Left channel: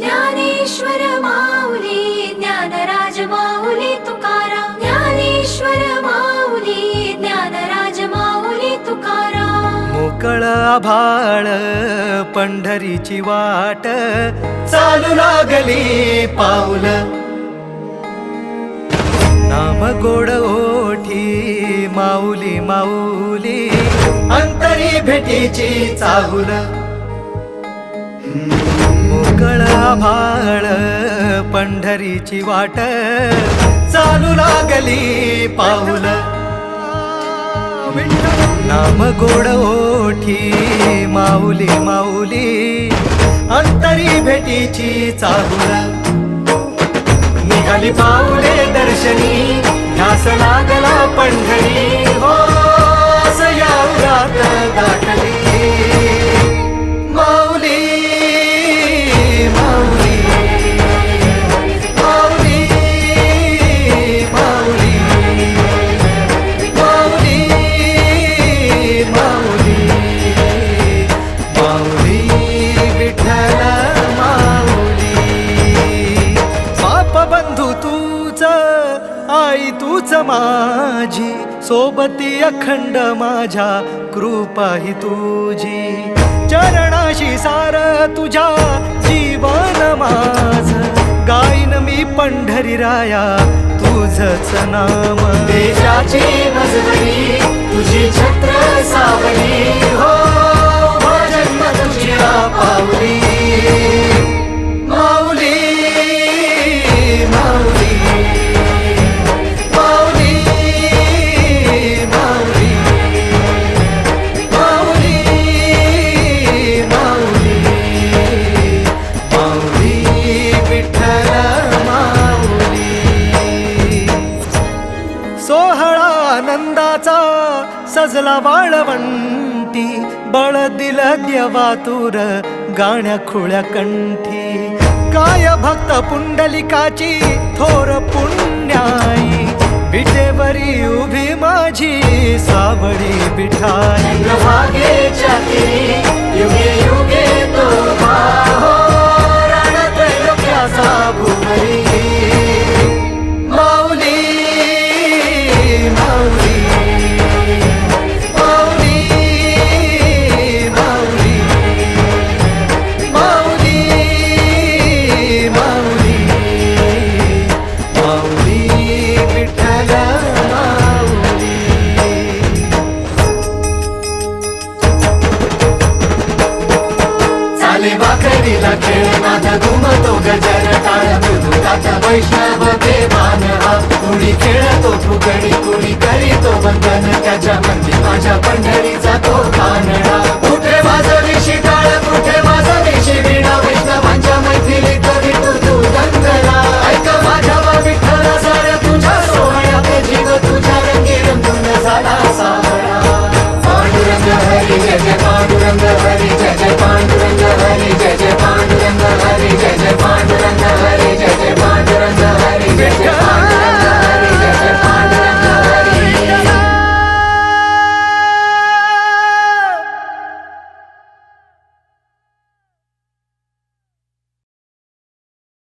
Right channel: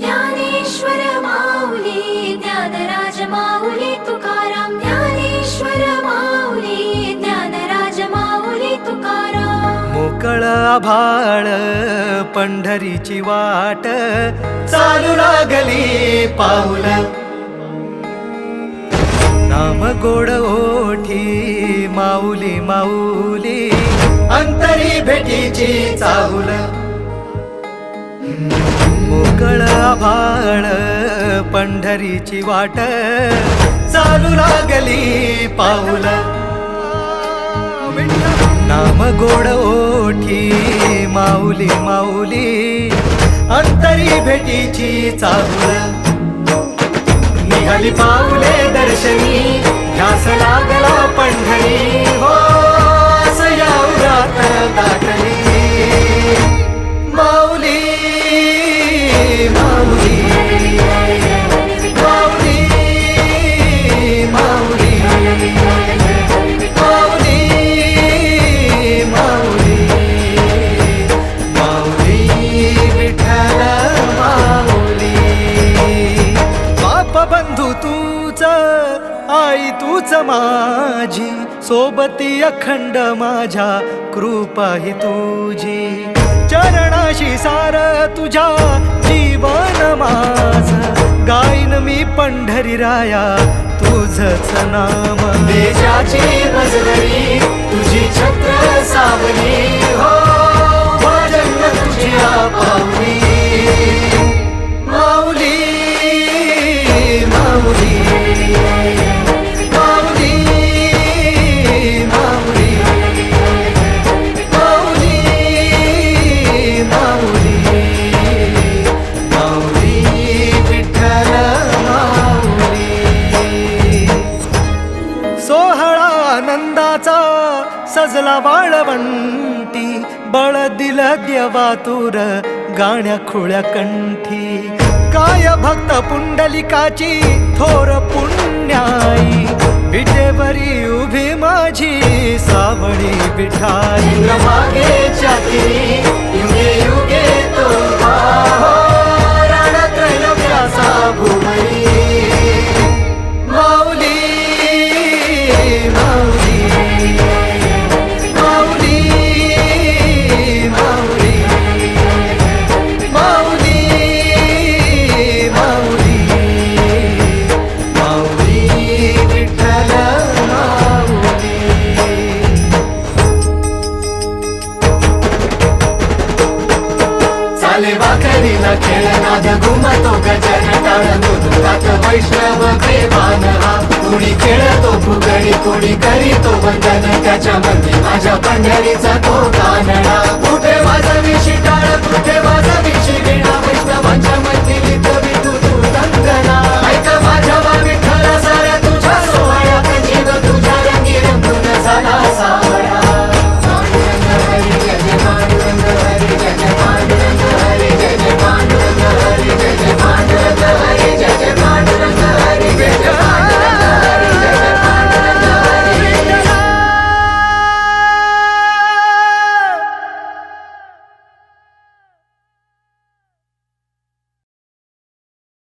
ज्ञानेश्वर माऊली ज्ञानराज माऊली तुकाराम ज्ञानेश्वर माऊली ज्ञानराज माऊली तुकाराम मोकळ आभाळ पंढरीची वाट चालू लागली पाऊल नाम गोड ओठी माऊली माऊली अंतरी भेटीची चाहुल मोकळ आभाळ पंढरीची वाट चालू लागली पाऊल नाम गोड ओठी माऊली माऊली अंतरी भेटीची चाहुल निघाली पाऊले दर्शनी ध्यास लागला पंढरी हो सयावरात दाटली माऊली माऊली माऊली माऊली माऊली माऊली माऊली विठ्ठल माऊली बाप बंधू तूच आई तूच माझी सोबती अखंड माझ्या कृपा ही तुझी चरणाशी सार तुझ्या जीवन माझ गाईन मी पंढरी राया तुझच नाम देशाची मजबरी तुझी छत्र सावली हो जन्म तुझी पावली माऊली माऊली माऊली माऊली माऊली माऊली माऊली विठ्ठल माऊली सोहळा आनंदाचा सजला वाळवंटी बळ दिल देवातुर गाण्या खुळ्या कंठी काय भक्त पुंडलिकाची थोर पुण्याई विटेवरी उभी माझी सावळी विठाई भागेच्या तिरी युगे युगे तो उभा हो रणत्रैलोक्याचा भुवरी माऊली माऊली माऊली माऊली माऊली माऊली माऊली विठ्ठल माऊली चाले वाकरीला खेळ नाद घुमतो गजर टाळ मृदुंगात वैष्णव देवान हा कुणी खेळतो फुगडी कुणी करीतो वंदन त्याच्या मंदी माझ्या पंढरीचा तो कानडा कुठे वाजवी शिटाळ कुठे वाजवी शिवीणा